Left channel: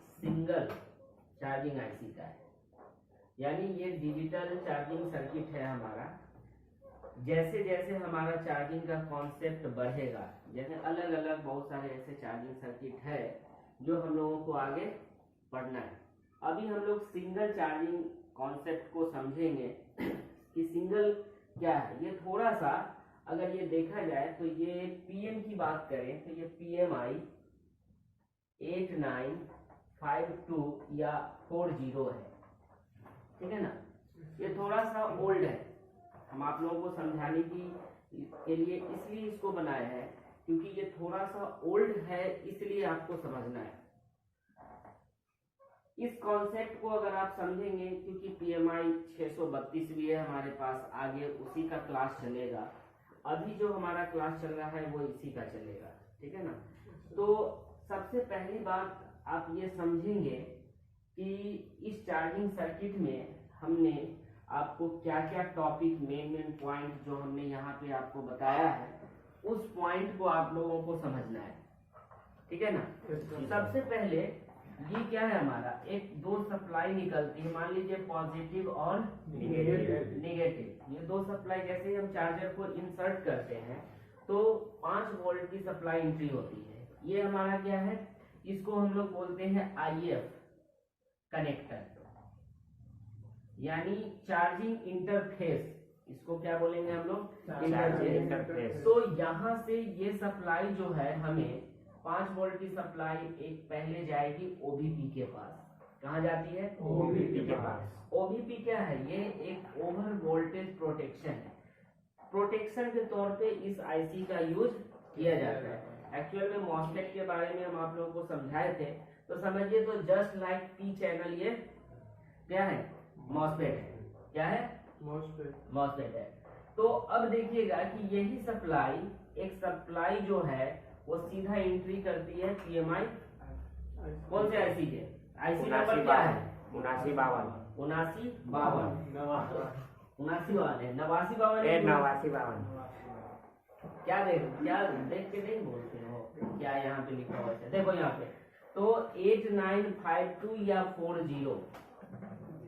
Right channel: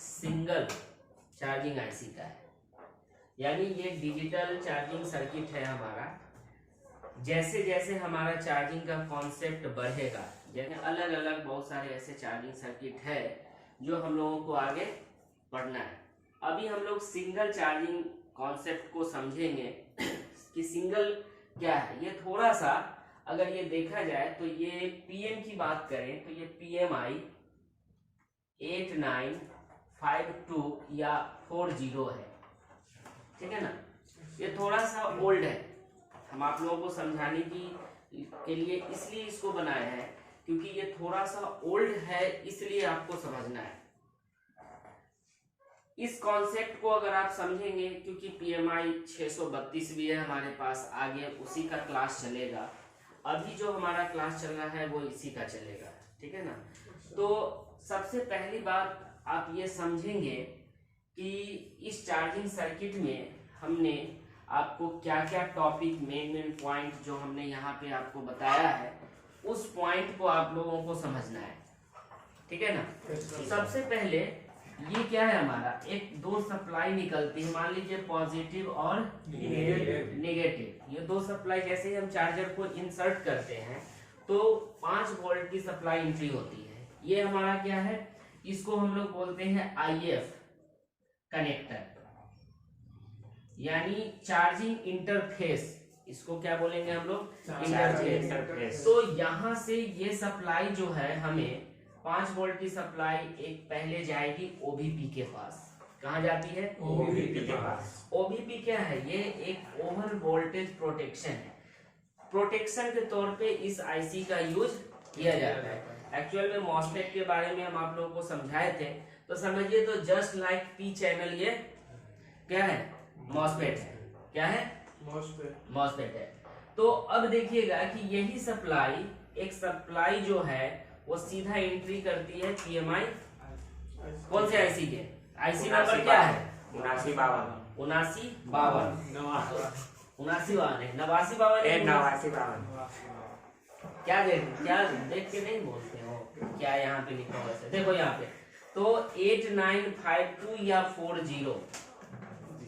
Single charging IC का है, यानी ये डिजिटल चार्जिंग सर्किट है हमारा। जैसे जैसे हमारा चार्जिंग का कॉन्सेप्ट बढ़ेगा, यानी अलग अलग बहुत सारे ऐसे चार्जिंग सर्किट है जो हम लोगों को आगे पढ़ना है। अभी हम लोग सिंगल चार्जिंग कॉन्सेप्ट को समझेंगे कि सिंगल क्या है। ये थोड़ा सा अगर ये देखा जाए तो ये पीएम की बात करें तो ये PMI 8952 या 40 है, ठीक है ना। ये थोड़ा सा ओल्ड है, हम आप लोगों को समझाने के लिए इसलिए इसको बनाया है क्योंकि ये थोड़ा सा ओल्ड है, इसलिए आपको समझना है। इस कॉन्सेप्ट को अगर आप समझेंगे, क्योंकि PMI 632 भी है हमारे पास, आगे उसी का क्लास चलेगा। अभी जो हमारा क्लास चल रहा है वो इसी का चलेगा, ठीक है ना। तो सबसे पहली बात आप ये समझेंगे कि इस चार्जिंग सर्किट में हमने आपको क्या क्या टॉपिक, मेन पॉइंट जो हमने यहाँ पे आपको बताया है, उस पॉइंट को आप लोगों को समझना है, ठीक है ना। सबसे पहले ये क्या है हमारा, एक दो सप्लाई निकलती है, मान लीजिए पॉजिटिव और नेगेटिव। ये दो सप्लाई जैसे ही हम चार्जर को इंसर्ट करते हैं तो 5 वोल्ट की सप्लाई एंट्री होती है। ये हमारा क्या है, इसको हम लोग बोलते हैं IF कनेक्टर, यानी चार्जिंग इंटरफेस। इसको क्या बोलेंगे हम लोग, इंटरफेस। तो यहाँ से ये सप्लाई जो है हमें 5 वोल्ट की सप्लाई एक पहले जाएगी OBP के पास। कहाँ जाती है, OBP के पास। OBP क्या है, ये एक ओवर वोल्टेज प्रोटेक्शन है। प्रोटेक्शन के तौर पे इस IC का यूज किया जाता है। एक्चुअल में मॉसफेट के बारे में हम आप लोगों को समझाए थे, तो समझिए तो जस्ट लाइक P चैनल ये क्या है, मॉसफेट है। क्या है, मॉसफेट है। तो अब देखिएगा कि यही सप्लाई, एक सप्लाई जो है वो सीधा एंट्री करती है PMI कौन से IC के, IC नंबर क्या है, 7952 क्या देख के नहीं बोलते हो क्या, यहाँ पे लिखा हुआ है देखो यहाँ पे। तो 8952 या 40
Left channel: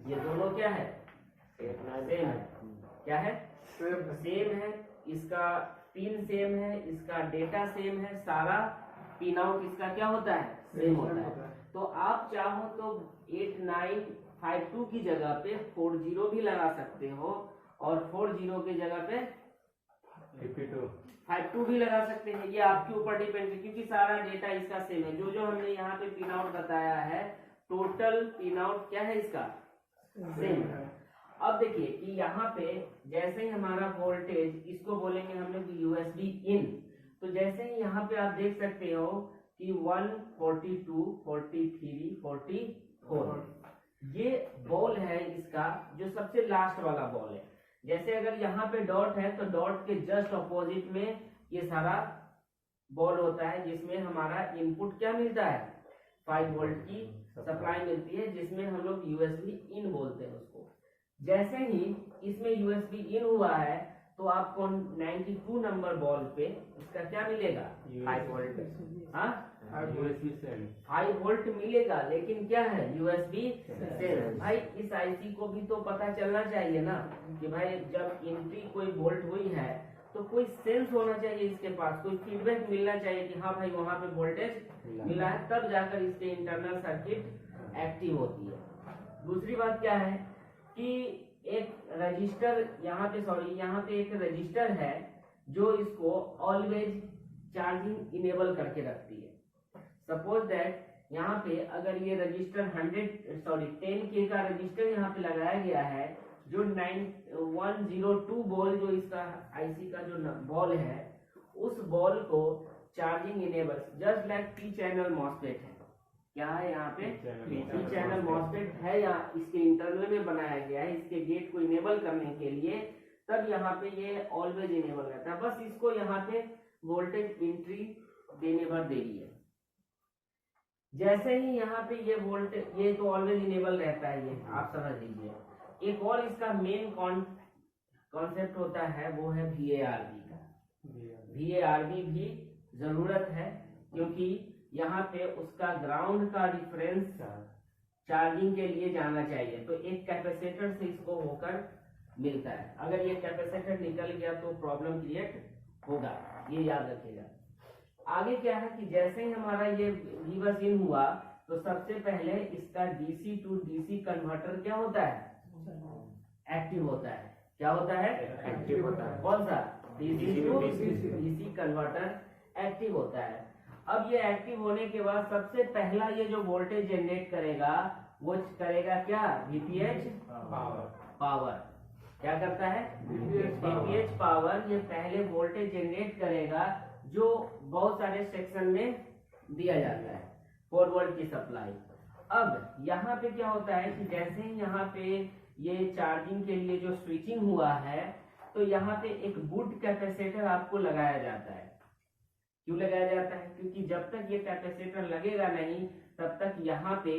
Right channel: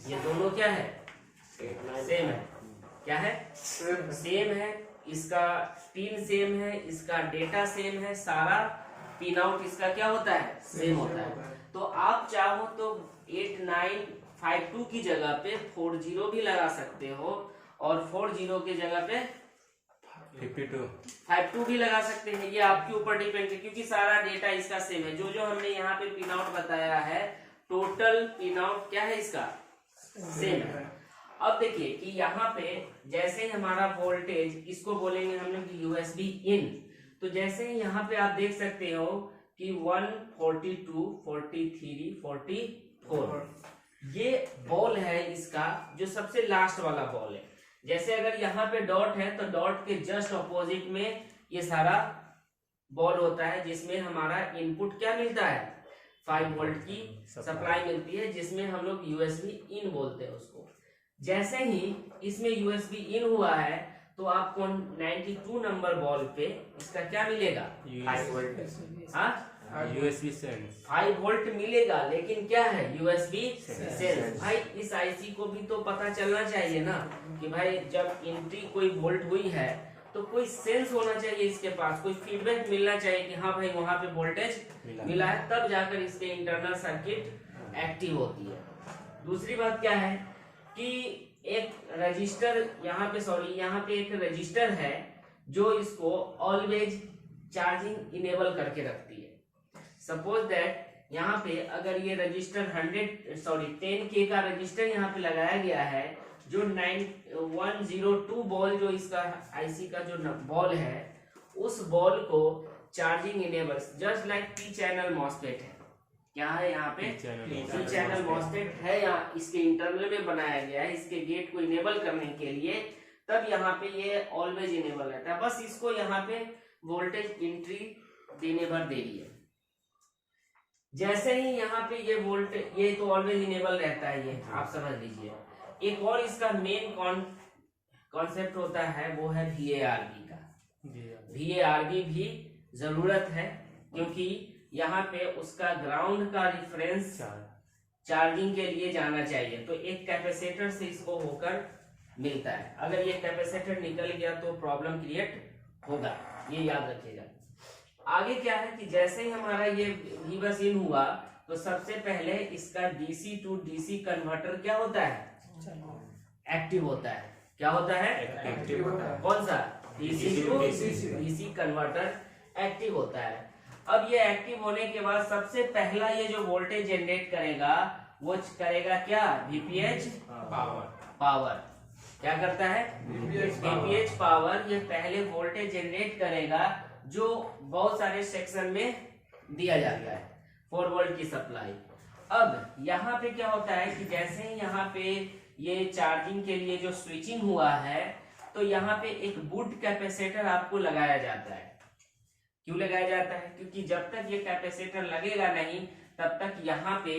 ये दोनों क्या है, सेम है। क्या है, सेम है। इसका पिन सेम है, इसका डेटा सेम है, सारा पिन आउट इसका क्या होता है, सेम होता है। तो आप चाहो तो 8952 की जगह पे 40 भी लगा सकते हो और 40 की जगह पे 52 भी लगा सकते हैं। ये आपके ऊपर डिपेंड है क्योंकि सारा डेटा इसका सेम है। जो जो हमने यहाँ पे पिन आउट बताया है, टोटल पिन आउट क्या है इसका, सेम है। अब देखिए कि यहाँ पे जैसे ही हमारा वोल्टेज, इसको बोलेंगे हम लोग USB इन। तो जैसे ही यहाँ पे आप देख सकते हो कि 142, 43, 44 ये बॉल है इसका, जो सबसे लास्ट वाला बॉल है। जैसे अगर यहाँ पे डॉट है तो डॉट के जस्ट अपोजिट में ये सारा बॉल होता है, जिसमें हमारा इनपुट क्या मिलता है, 5 वोल्ट की सप्लाई मिलती है, जिसमें हम लोग USB इन बोलते हैं उसको। जैसे ही इसमें USB इन हुआ है तो आपको 92 नंबर बॉल पे इसका क्या मिलेगा, 5 वोल्ट। हाँ, USB सेंस 5 वोल्ट मिलेगा, लेकिन क्या है, USB सेंस। भाई इस IC को भी तो पता चलना चाहिए ना कि भाई जब एंट्री कोई वोल्ट हुई है तो कोई सेंस होना चाहिए इसके पास, कोई फीडबैक मिलना चाहिए कि हाँ भाई वहां पे वोल्टेज मिला है, तब जाकर इसके इंटरनल सर्किट एक्टिव होती है। दूसरी बात क्या है कि एक रजिस्टर यहाँ पे एक रजिस्टर है जो इसको ऑलवेज चार्जिंग इनेबल करके रखती है। सपोज दैट यहाँ पे अगर ये रजिस्टर 10K का रजिस्टर यहाँ पे लगाया गया है, जो 102 बॉल जो इसका IC का जो बॉल है, उस बॉल को charging enable, just like P channel MOSFET है। क्या है यहाँ पे, P चैनल मॉसफेट है, यहाँ इसके इंटरनल में बनाया गया है इसके गेट को इनेबल करने के लिए, तब यहाँ पे ये ऑलवेज इनेबल रहता है। बस इसको यहाँ पे वोल्टेज एंट्री देने भर देरी है। जैसे ही यहाँ पे ये वोल्टेज, ये तो ऑलवेज इनेबल रहता है, ये आप समझ लीजिए। एक और इसका मेन कॉन्सेप्ट होता है वो है VARB का। VARB भी जरूरत है क्योंकि यहाँ पे उसका ग्राउंड का रिफरेंस चार्जिंग के लिए जाना चाहिए। तो एक कैपेसिटर से इसको होकर मिलता है। अगर ये कैपेसिटर निकल गया तो प्रॉब्लम क्रिएट होगा, ये याद रखिएगा। आगे क्या है कि जैसे ही हमारा ये V बस इन हुआ तो सबसे पहले इसका डीसी टू डीसी कन्वर्टर क्या होता है, एक्टिव होता है। क्या होता है, एक्टिव होता है। कौन सा, DC to DC converter active होता है। अब ये एक्टिव होने के बाद सबसे पहला ये जो वोल्टेज जनरेट करेगा वो करेगा क्या, वीपीएच पावर। क्या करता है, वीपीएच पावर। ये पहले वोल्टेज जनरेट करेगा जो बहुत सारे सेक्शन में दिया जाता है, 4 वोल्ट की सप्लाई। अब यहाँ पे क्या होता है कि जैसे ही यहाँ पे ये चार्जिंग के लिए जो स्विचिंग हुआ है तो यहाँ पे एक बूट कैपेसिटर आपको लगाया जाता है। क्यों लगाया जाता है, क्योंकि जब तक ये कैपेसिटर लगेगा नहीं तब तक यहाँ पे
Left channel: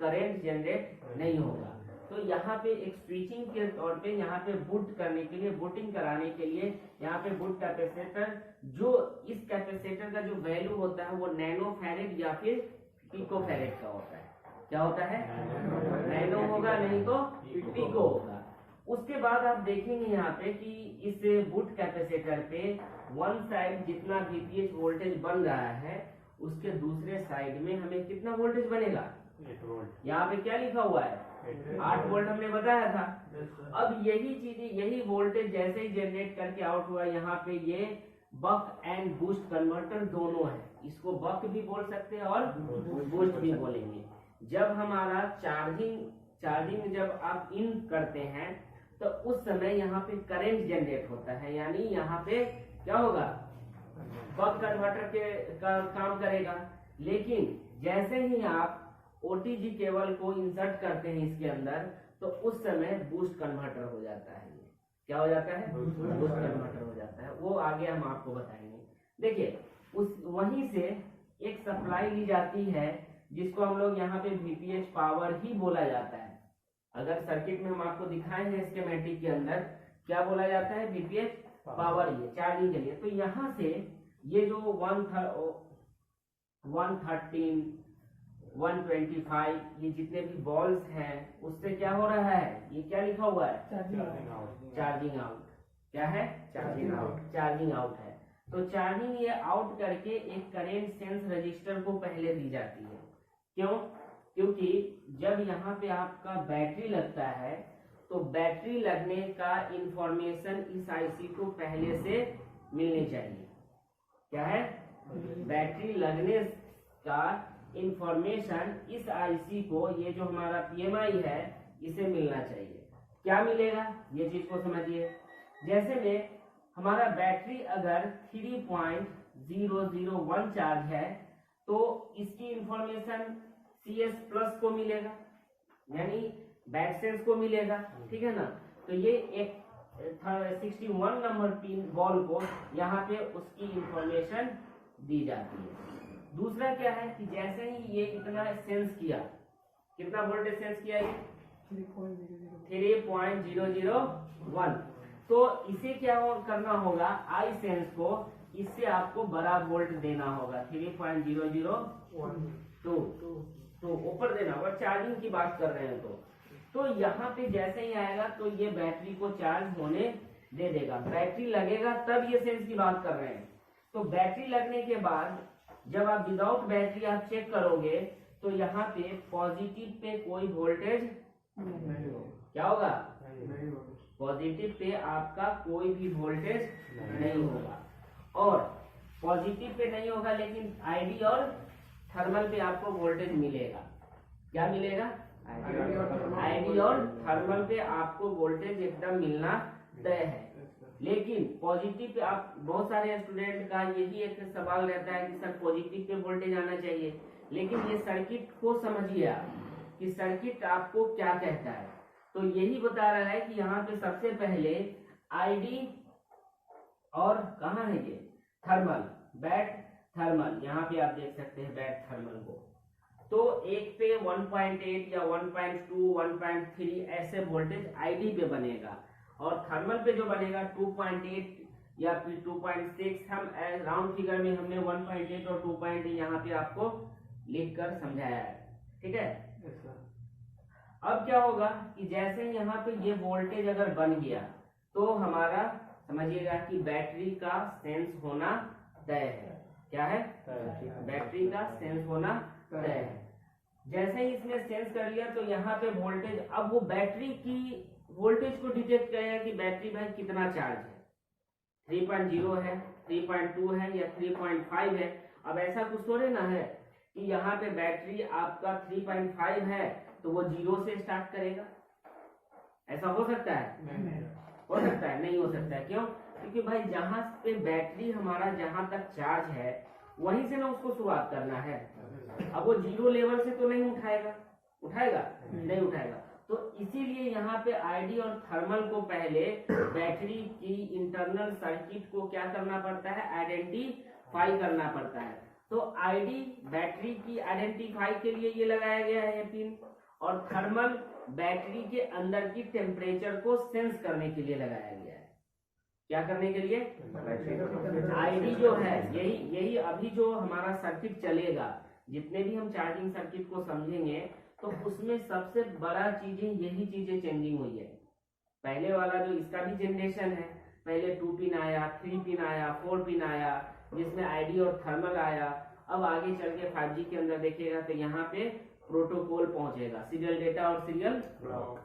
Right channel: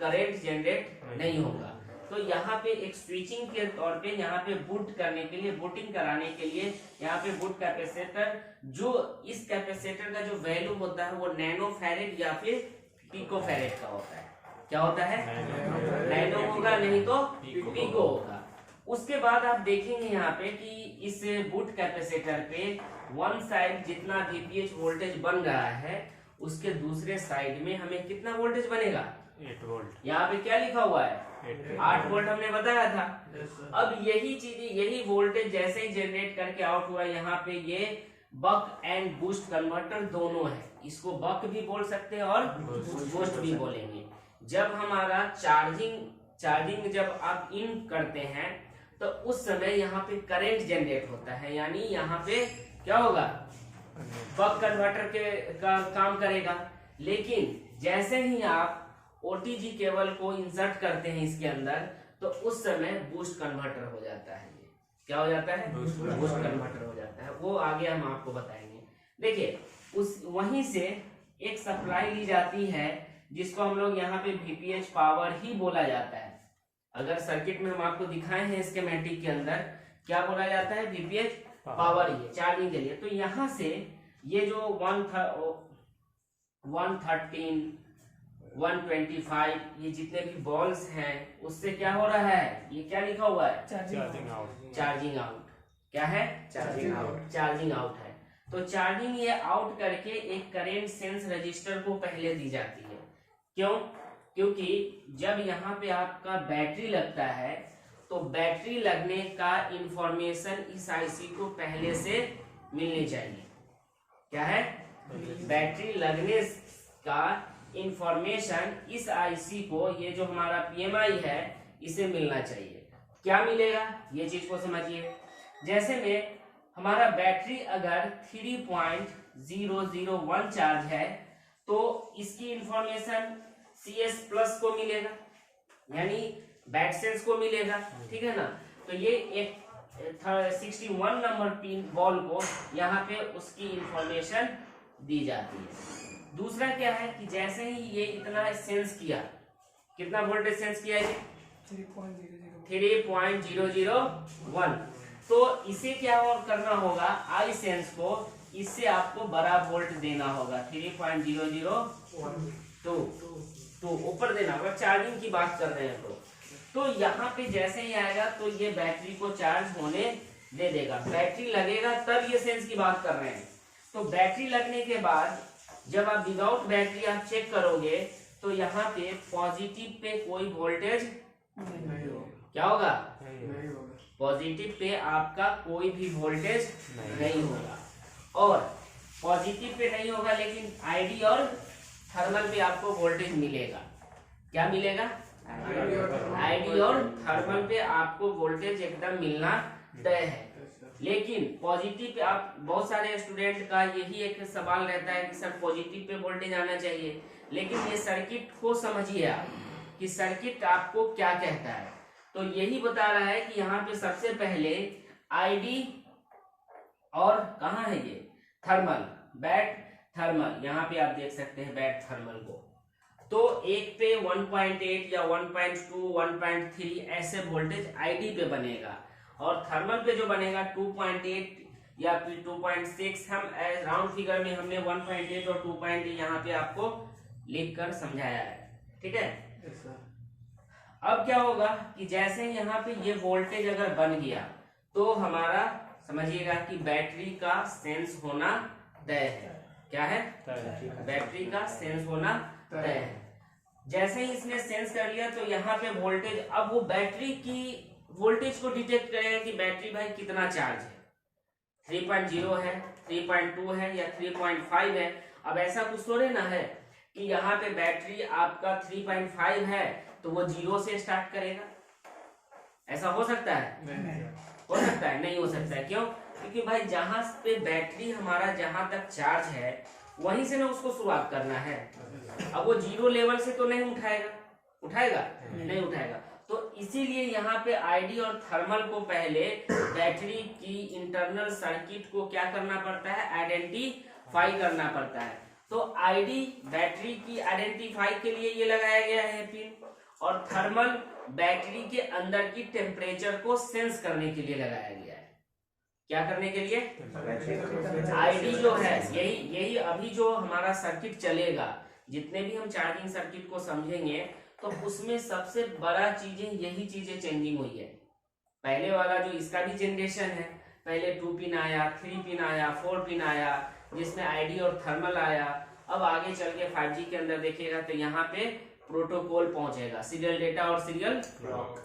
करंट जनरेट नहीं होगा। तो यहाँ पे एक स्विचिंग के तौर पे यहाँ पे बूट करने के लिए, बूटिंग कराने के लिए यहाँ पे बूट कैपेसिटर, जो इस कैपेसिटर का जो वैल्यू होता है वो नैनो फैरेड या फिर पिको फैरेड का होता है। क्या होता है, नैनो होगा, नहीं तो पिको होगा। उसके बाद आप देखेंगे यहाँ पे कि इस बूट कैपेसिटर पे वन साइड जितना वीपीएच वोल्टेज बन रहा है उसके दूसरे साइड में हमें कितना वोल्टेज बनेगा, 8 वोल्ट। यहाँ पे क्या लिखा हुआ है, 8 वोल्ट हमने बताया था। अब यही चीजें, यही वोल्टेज जैसे ही जनरेट करके आउट हुआ, यहाँ पे ये बक एंड बूस्ट कन्वर्टर दोनों है। इसको बक भी बोल सकते हैं और बूस्ट भी बोलेंगे। जब हमारा चार्जिंग जब आप इन करते हैं तो उस समय यहाँ पे करंट जनरेट होता है, यानी यहाँ पे क्या होगा, बक कन्वर्टर का काम करेगा। लेकिन जैसे ही आप ओटीजी केबल को इंसर्ट करते हैं इसके अंदर तो उस समय बूस्ट कन्वर्टर हो जाता है। ये क्या हो जाता है, बूस्ट कन्वर्टर हो जाता है। वो आगे हम आपको बताएंगे। देखिए उस वहीं से एक सप्लाई ली जाती है जिसको हम लोग यहाँ पे वीपीएच पावर ही बोला जाता है। अगर सर्किट में हम आपको दिखाए हैं स्कीमेटिक के अंदर क्या बोला जाता है, वीपीएच पावर ही है चार्जिंग के लिए। तो यहाँ से ये जो 113 125 ये जितने भी बॉल्स हैं उससे क्या हो रहा है, ये क्या लिखा हुआ है, चार्जिंग आउट। क्या है, चार्जिंग आउट है। तो चार्जिंग ये आउट करके एक करंट सेंस रजिस्टर को पहले दी जाती है। क्यों, क्योंकि जब यहाँ पे आपका बैटरी लगता है तो बैटरी लगने का इंफॉर्मेशन इस आईसी को पहले से मिलनी चाहिए। क्या है, बैटरी लगने का इंफॉर्मेशन इस आईसी को, ये जो हमारा पीएमआई है इसे मिलना चाहिए। क्या मिलेगा ये चीज को समझिए। जैसे में हमारा बैटरी अगर 3.001 चार्ज है तो इसकी इंफॉर्मेशन CS प्लस को मिलेगा, यानी बैट सेंस को मिलेगा। ठीक है ना। तो ये एक 61 नंबर पिन बॉल को यहाँ पे उसकी इंफॉर्मेशन दी जाती है। दूसरा क्या है कि जैसे ही ये इतना सेंस किया, कितना वोल्टेज सेंस किया है, 3.001, तो इसे क्या और करना होगा, आई सेंस को इससे आपको बड़ा वोल्ट देना होगा, 3.002 तो ऊपर देना होगा। चार्जिंग की बात कर रहे हैं तो यहाँ पे जैसे ही आएगा तो ये बैटरी को चार्ज होने दे देगा। बैटरी लगेगा तब ये सेंस की बात कर रहे हैं। तो बैटरी लगने के बाद जब आप विदाउट बैटरी आप चेक करोगे तो यहाँ पे पॉजिटिव पे कोई वोल्टेज क्या होगा, पॉजिटिव पे आपका कोई भी वोल्टेज नहीं होगा। और पॉजिटिव पे नहीं होगा लेकिन आईडी और थर्मल पे आपको वोल्टेज मिलेगा। क्या मिलेगा, आईडी और थर्मल पे आपको वोल्टेज एकदम मिलना तय है। लेकिन पॉजिटिव पे आप, बहुत सारे स्टूडेंट का यही एक सवाल रहता है कि सर पॉजिटिव पे वोल्टेज आना चाहिए, लेकिन ये सर्किट को समझिए आप कि सर्किट आपको क्या कहता है। तो यही बता रहा है कि यहाँ पे सबसे पहले आईडी और कहाँ है ये थर्मल, बैट थर्मल, यहाँ पे आप देख सकते हैं बैट थर्मल को। तो एक पे 1.8 या 1.2 1.3 ऐसे वोल्टेज आईडी पे बनेगा और थर्मल पे जो बनेगा 2.8 या फिर 2.6, हम राउंड फिगर में हमने 1.8 और 2.8 यहाँ पे आपको लिख कर समझाया है, ठीक है। अब क्या होगा कि जैसे यहाँ पे ये वोल्टेज अगर बन गया तो हमारा समझिएगा कि बैटरी का सेंस होना तय है। क्या है? बैटरी का सेंस होना तय है। जैसे ही इसने सेंस कर लिया तो यहाँ पे वोल्टेज, अब वो बैटरी की वोल्टेज को डिटेक्ट करेगा कि बैटरी भाई कितना चार्ज है, 3.0 है, 3.2 है या 3.5 है। अब ऐसा कुछ थोड़े ना है कि यहाँ पे बैटरी आपका 3.5 है तो वो 0 से स्टार्ट करेगा। ऐसा हो सकता है? हो सकता है? नहीं हो सकता है। क्यों? क्योंकि भाई जहां पे बैटरी हमारा जहां तक चार्ज है वहीं से ना उसको शुरुआत करना है। अब वो 0 लेवल से तो नहीं उठाएगा, उठाएगा? नहीं उठाएगा। तो इसीलिए यहाँ पे आईडी और थर्मल को पहले बैटरी की इंटरनल सर्किट को क्या करना पड़ता है? आइडेंटिफाई करना पड़ता है। तो आईडी बैटरी की आइडेंटिफाई के लिए ये लगाया गया है पिन, और थर्मल बैटरी के अंदर की टेम्परेचर को सेंस करने के लिए लगाया गया है। क्या करने के लिए? आईडी जो है यही अभी जो हमारा सर्किट चलेगा, जितने भी हम चार्जिंग सर्किट को समझेंगे तो उसमें सबसे बड़ा चीजें यही चीजें चेंजिंग हुई है। पहले वाला जो इसका भी जनरेशन है, पहले 2 पिन आया, 3 पिन आया, 4 पिन आया, जिसमें आईडी और थर्मल आया। अब आगे चल के 5G के अंदर देखिएगा तो यहाँ पे प्रोटोकॉल पहुंचेगा, सीरियल डेटा और सीरियल क्लॉक।